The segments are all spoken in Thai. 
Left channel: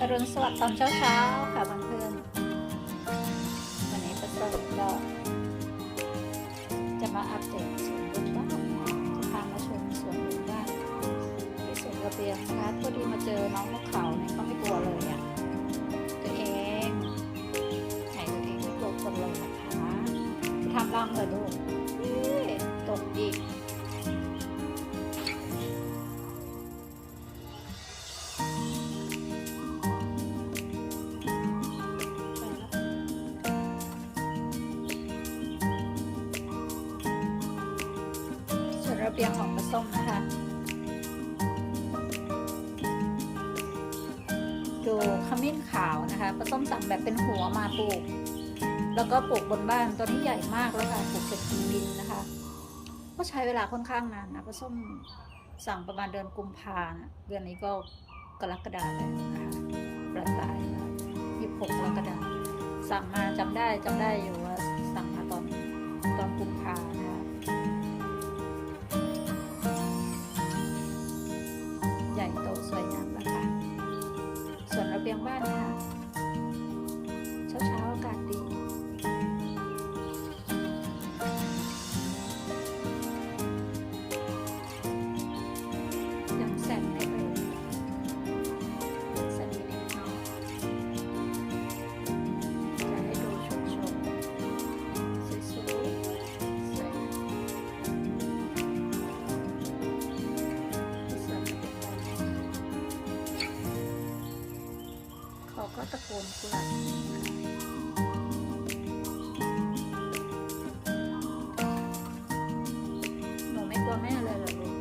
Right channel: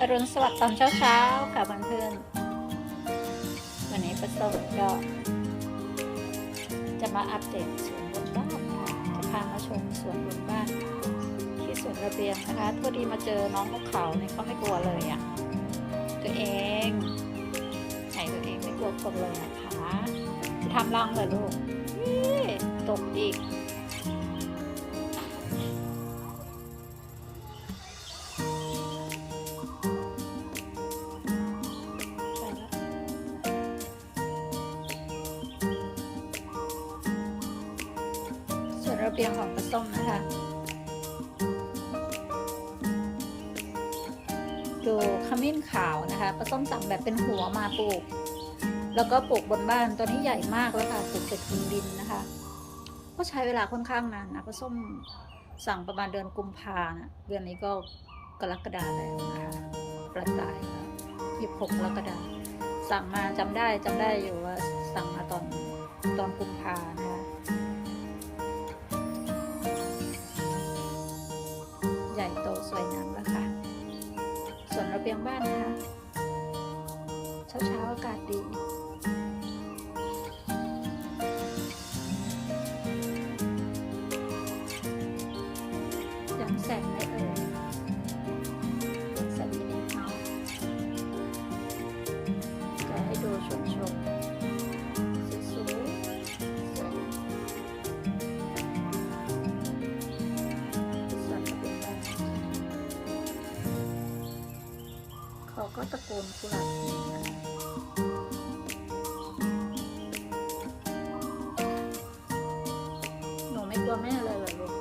อรุณสวัสดิ์ตอนเช้าๆค่ะเพื่อนๆวันนี้ประสบก็จะมาอัปเดตสวนบนบ้านนะคะจะพามาชมสวนบนบ้านที่สวนระเบียงนะคะพอดีมาเจอน้องนกเขาเนี่ยเขาไม่กลัวเลยอะ่ะตัวเองไหนตัวเองไม่กลัวคนเลยนะคะจะทำรังเหรอลูกตกอีก วนระเบียงของปลาส้มนะคะดูขมิ้นขาวนะคะปลาส้มสั่งแบบเป็นหัวมาปลูก แล้วก็ปลูกบนบ้านตัวนี้ใหญ่มากแล้วค่ะปลูกจากหินดินนะคะ ก็ใช้เวลาค่อนข้างนานนะปลาส้มสั่งประมาณเดือนกุมภานะเดือนนี้ก็กรกฎาแล้วนะคะประสายแล้วยี่สิบหกกรกฎาสั่งมาจำได้จำได้อยู่ว่าสั่งมาตอนตอนกุมภานะ สวยงามแล้วค่ะ ส่วนระเบียงบ้านนะคะ เช้าเช้าๆอากาศดี ก็ตะโกนกุหลาบหนูไม่กลัวแม่เลยเหรอลูก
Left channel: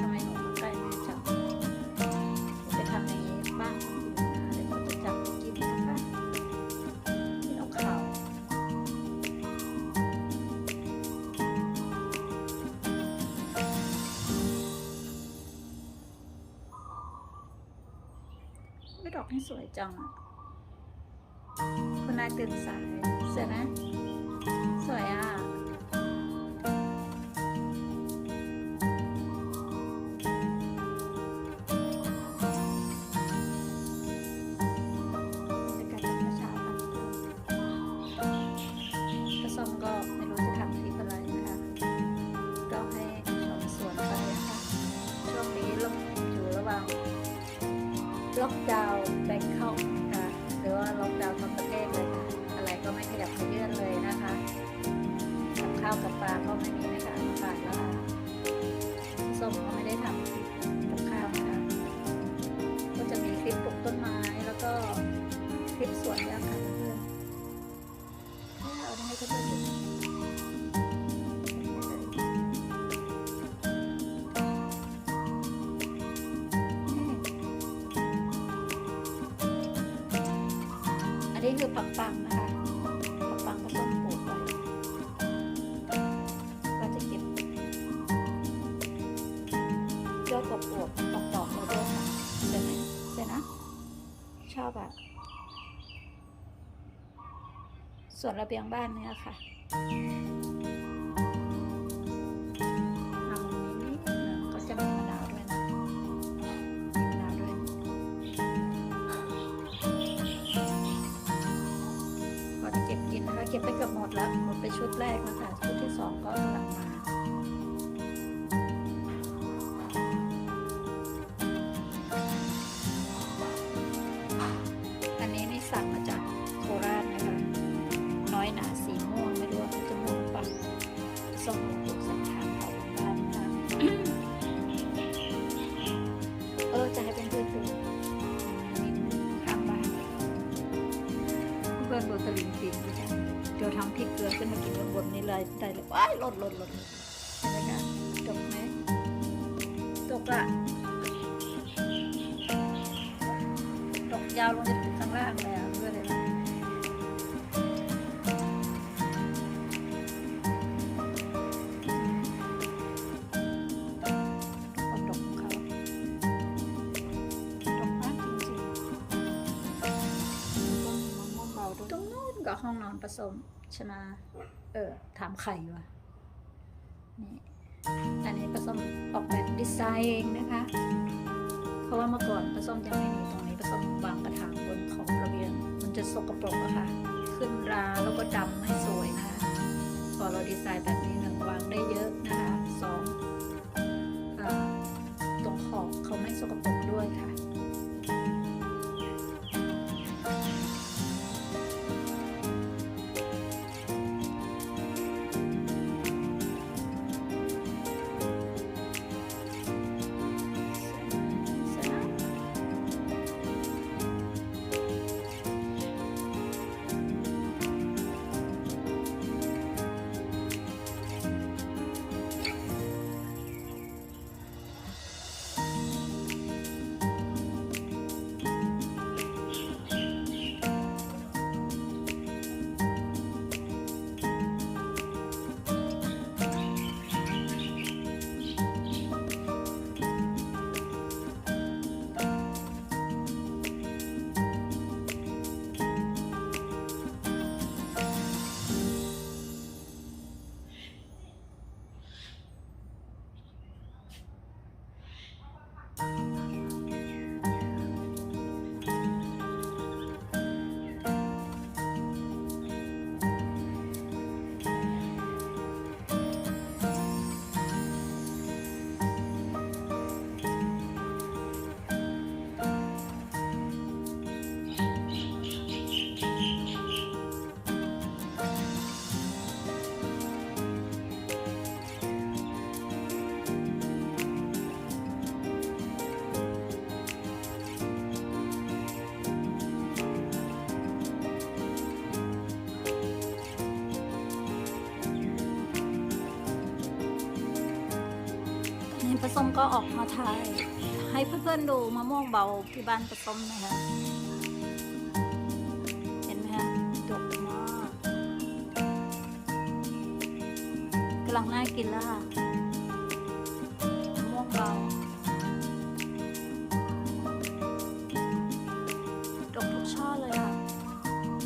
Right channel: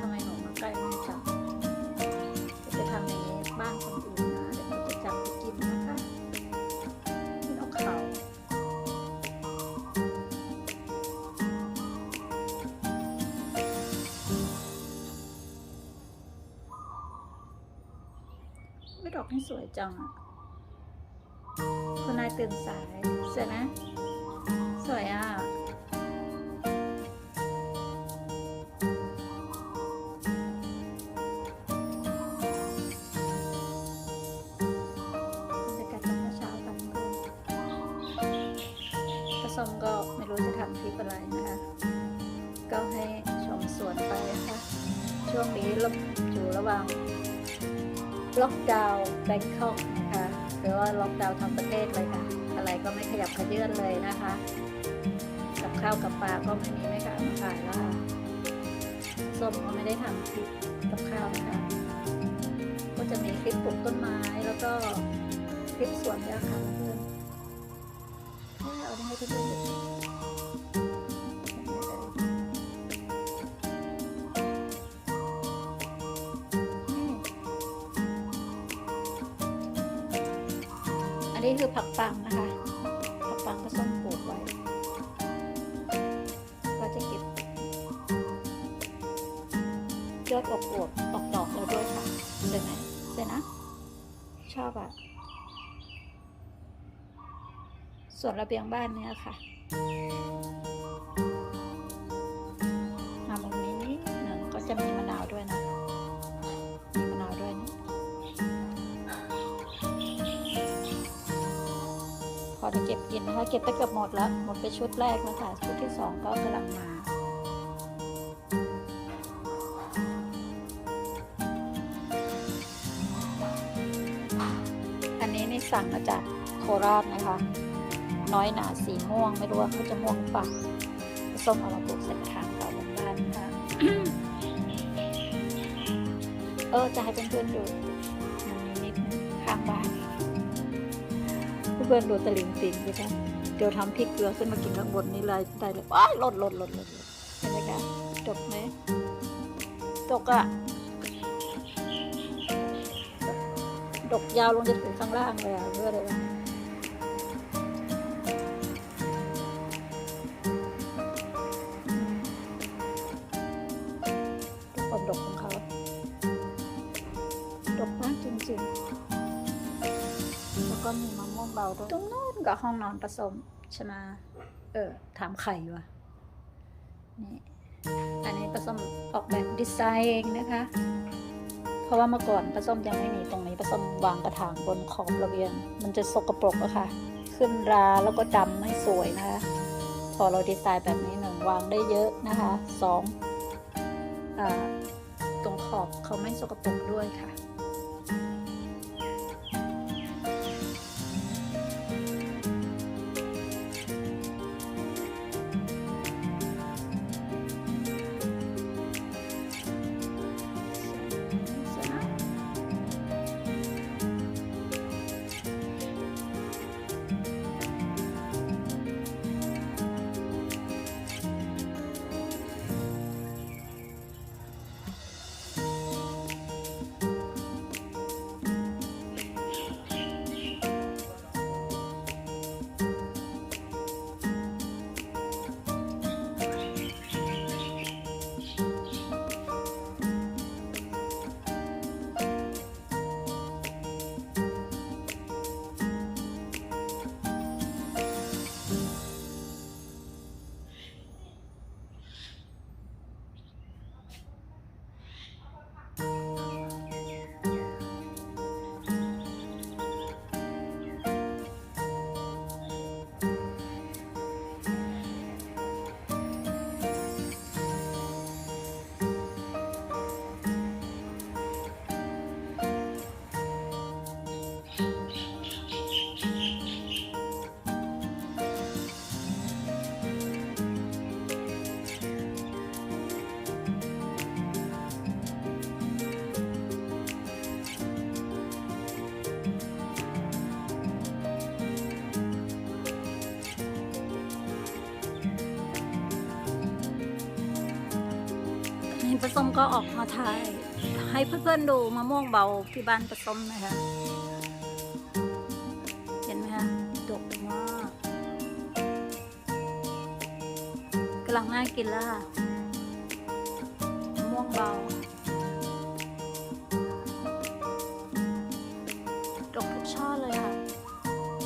ทำไมหนูมาใกล้แม่จังจะทำอย่างนี้บ้านคนอื่นนะเดี๋ยวเขาจะจับไปกินนะคะกินเอาเขาไม่ดอกนี่สวยจังอะ นายตื่นสายสวยนะสวยอะกาศตอนเช้าๆกันกระส้มก็ไม่รู้จะทำคลิปอะไรนะคะ ก็ให้ชมสวนไปนะคะ ช่วงนี้ลบอยู่ระหว่างล็อกดาวน์แบงคอก หรือว่าล็อกดาวน์ทั้งประเทศเลยค่ะ อะไรก็ไม่ขยับขยื่นเลยนะคะ กับข้าวกับปลาก็ไม่มีแม่ค้ามาขายแล้วค่ะส้มก็ไม่ได้ทำคลิปกับข้าวนะคะก็จะมีคลิปปลูกต้นไม้แล้วก็คลิปสวนยางค่ะเพื่อนเอาได้ให้เพื่อนดู นนี้คือผักปังนะคะ ผักปังก็ต้องปลูกไว้ก็จะเก็บยอดอวบๆอกดอกแล้วด้วยค่ะเสร็จไหมเสร็จนะ ชอบอะส่วนระเบียงบ้านเนี่ยค่ะมาตรงนี้นี่ก็จะมีมะ เก็บกินนะคะ เก็บไปเกือบหมดแล้ว หมดไปชุดแรกแล้วค่ะ ชุดที่สองก็กำลังมาอันนี้นี่สั่งมาจากโคราชนะคะ น้อยหนาสีม่วงไม่รู้ว่าเขาจะม่วงปล่าส้มอามาตกใส่กระถางเขาบนบ้านนะคะเออจะให้เพื่อนๆดู พื่อนๆดูตะลิงปิงดูไหมเดี๋ยวทำพริกเกลือขึ้นมากินข้างบนนี้เลยได้เลยว้ายหล่นหล่นหล่นหล่นเห็นไหมคะตกไหมตกอะตกยาวลงจะถึงข้างล่างเลยอะเพื่ออะไรวะ ตรงนู้นก็ห้องนอนผสมใช่ไหมเออ ถามไข่ว่ะนี่อันนี้ผสมออกแบบดีไซน์เองนะคะ เพราะว่าเมื่อก่อนปลาส้มยังไม่มีตรงนี้ปลาส้มวางกระถางบนขอบระเบียง มันจะสกปรกอะค่ะ ขึ้นราแล้วก็จำไม่สวยนะคะ พอเราดีไซน์แบบนี้หนึ่งวางได้เยอะนะคะสองอตรงขอบเขาไม่สกปรกด้วยค่ะ นี่ปลาส้มก็ออกมาถ่าย ให้เพื่อนๆดูมะม่วงเบาที่บ้านปลาส้มนะคะ เห็นไหมคะดกมากกำลังน่ากินแล้วค่ะมะม่วงเบา ดกทุกช่อเลยค่ะ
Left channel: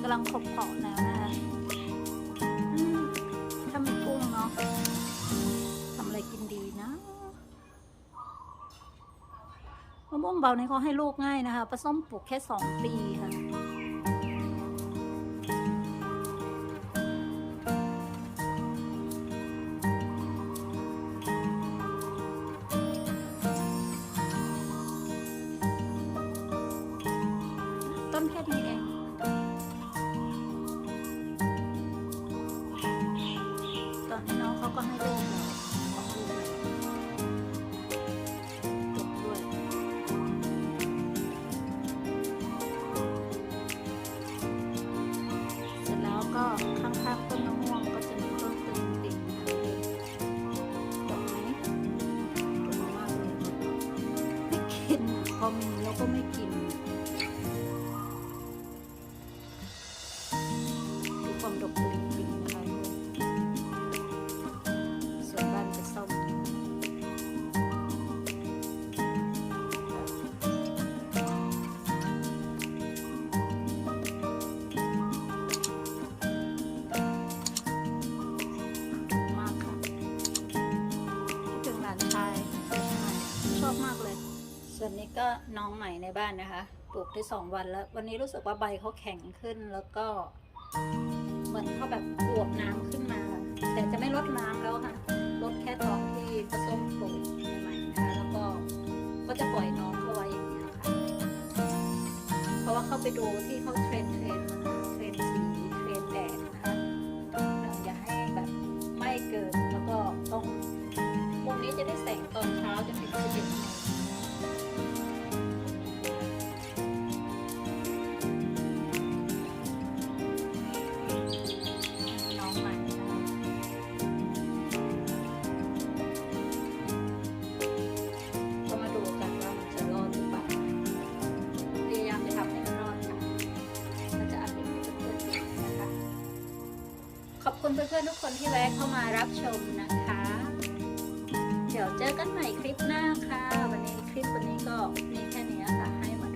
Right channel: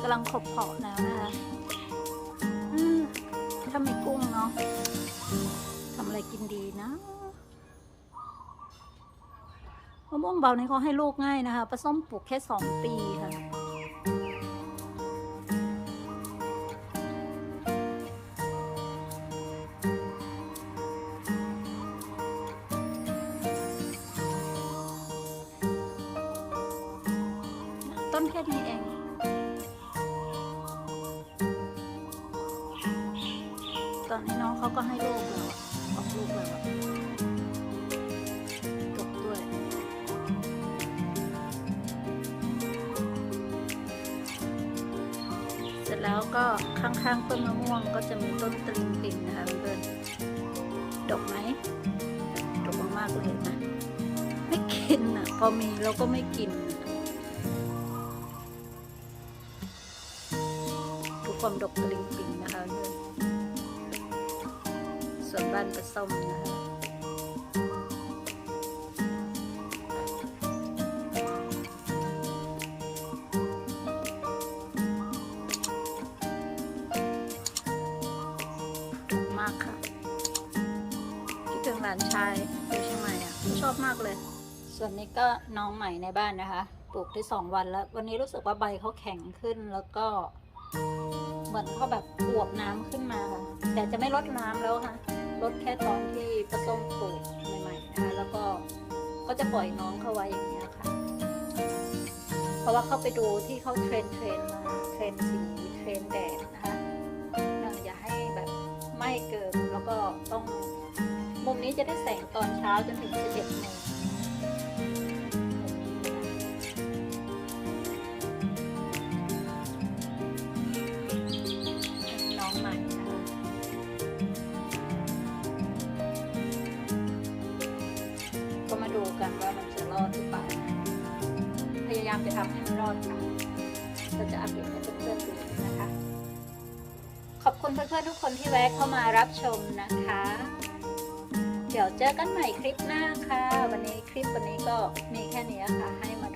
กำลังขบเพาะแล้วนะคะถ้ามีกุ้งเนาะทำอะไรกินดีนะ มะม่วงเบานี่เขาให้ลูกง่ายนะคะปลาส้มปลูกแค่สองปีค่ะต้นแค่นี้เอง ตอนนี้น้องเขาก็ให้ลูกแล้วออกลูกแล้ว จแล้วก็ข้างๆต้นมะม่วงก็จะมีต้นตริงปิงนะคะเพื่อนดอกไหมดอกมากๆเลยนะไม่กินอะพอมีเราก็ไม่กินดูความดอกตริงปิงนะคะเพื่อนส่วนบ้านปลาส้มนะคะ ลานชายอยู่เชียงใหม่อะชอบมากเลย ส่วนนี้ก็น้องใหม่ในบ้านนะคะ ปลูกได้สองวันแล้ว วันนี้รู้สึกว่าใบเขาแข็งขึ้นแล้วก็ เหมือนเขาแบบอวบน้ำขึ้นมาค่ะ แต่จะไม่ลดน้ำแล้วค่ะลดแค่ตอนที่ผสมปลูกใหม่ๆนะคะแล้วก็ก็จะปล่อยน้องเขาไว้อย่างเงี้ยค่ะ เพราะว่าเข้าไปดูที่เขาเทรนเทรนมาเทรนสีเทรนแดดนะคะอย่าให้แบบไหม้เกินแล้วก็ต้อง มุมนี้จะได้แสงตอนเช้าจนถึง11โมงน้องใหม่นะคะก็มาดูกันว่ามันจะรอดหรือเปล่าพยายามจะทำให้มันรอดค่ะก็จะอัปเดตให้เพื่อนๆดูนะคะ ขอบคุณเพื่อนๆทุกคนที่แวะเข้ามารับชมนะคะ เี๋ยวเจอกันใหม่คลิปหน้าค่ะ วันนี้คลิปวันนี้ก็มีแค่นี้ค่ะให้มา